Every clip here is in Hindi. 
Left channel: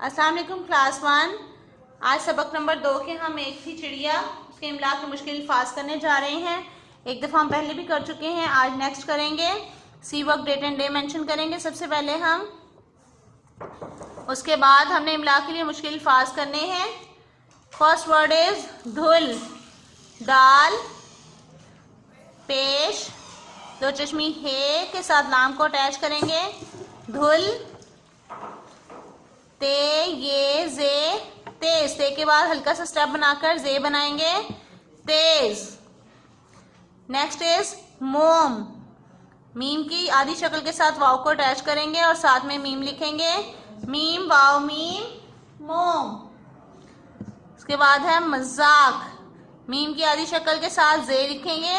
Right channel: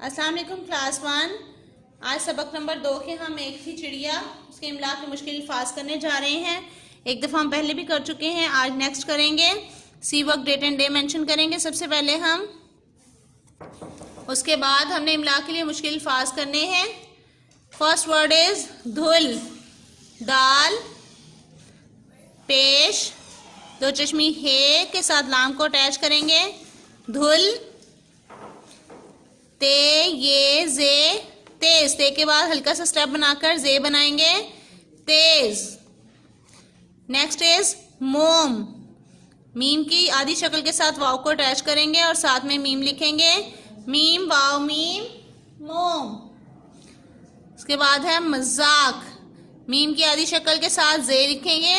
अस्सलाम वालेकुम क्लास 1। आज सबक नंबर 2 के हम एक थी चिड़िया उसके इमला के मुश्किल अल्फाज करने जा रहे हैं। एक दफ़ा हम पहले भी कर चुके हैं, आज नेक्स्ट करेंगे। See work date and day mention करेंगे सबसे पहले हम, उसके बाद हमने इमला के लिए मुश्किल अल्फाज करने हैं। फर्स्ट वर्ड इज धुल, दाल, पेश, दो चश्मी हे के साथ लाम को अटैच करेंगे। धुल, ते, ये, जे, तेज, ते के बाद हल्का सा स्टेप बनाकर जे बनाएंगे, तेज। नेक्स्ट इज मोम, मीम की आधी शक्ल के साथ वाव को अटैच करेंगे और साथ में मीम लिखेंगे, मीम वाव मीम, मोम। उसके बाद है मजाक, मीम की आधी शक्ल के साथ जे लिखेंगे,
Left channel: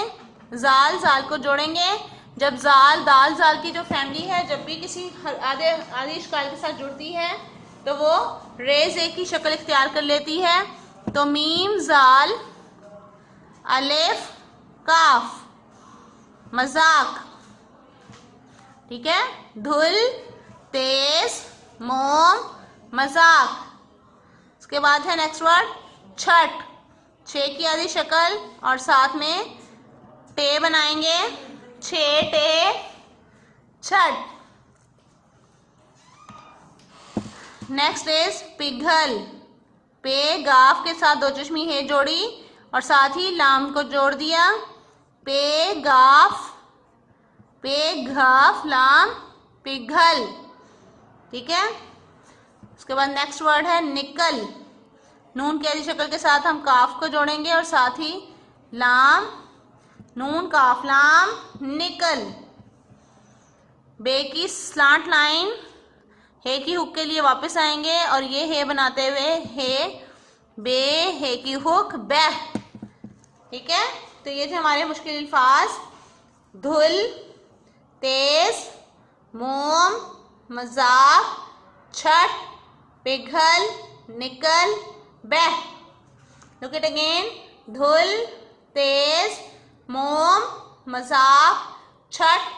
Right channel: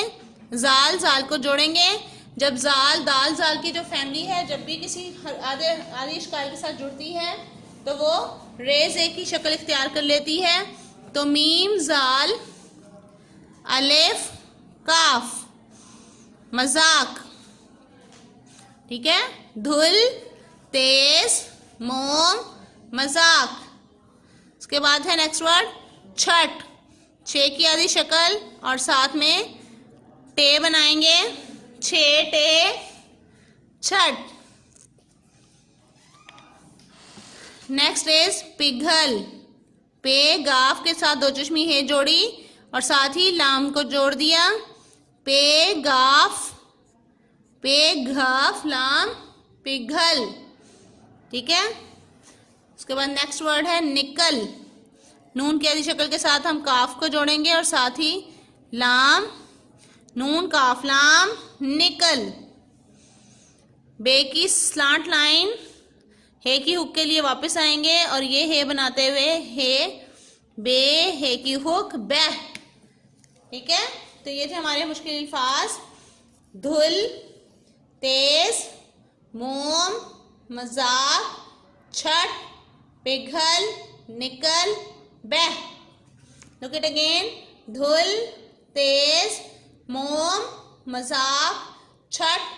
जाल, जाल को जोड़ेंगे। जब जाल दाल जाल की जो फैमिली है जब भी किसी आधी शक्ल के साथ जुड़ती है तो वो रेज एक की शक्ल इख्तियार कर लेती है। तो मीम जाल अलिफ काफ, मजाक। ठीक है, धुल, तेज, मोम, मजाक। उसके बाद है नेक्स्ट वर्ड छठ, छे की आधी शक्ल और साथ में टे बनाएंगे, छे टे, छठ। नेक्स्ट इज पिघल, पे गाफ के साथ दो चश्मी है जोड़ी और साथ ही लाम को जोड़ दिया, पे गाफ, पे घाफ लाम, पिघल। ठीक है, उसके बाद नेक्स्ट वर्ड है निकल, नून की आधी शक्ल के साथ हम काफ को जोड़ेंगे और साथ ही लाम, नून काफ लाम, निकल। बे की स्लांट लाइन, हे की हुक के लिए वापस आएंगे और ये हे बनाते हुए हे, बे, हे की हुक, बैह। ठीक है, तो ये थे हमारे मुश्किल अल्फाज, धुल, तेज, मोम, मजाक, छठ, पिघल, निकल, बैह। लुक इट अगेन, धुल, तेज, मोम, मजाक, छठ,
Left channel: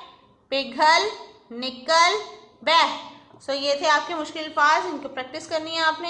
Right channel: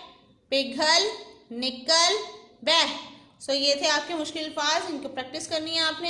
पिघल, निकल, बैह। सो ये थे आपके मुश्किल अल्फाज, इनको प्रैक्टिस करनी है आपने।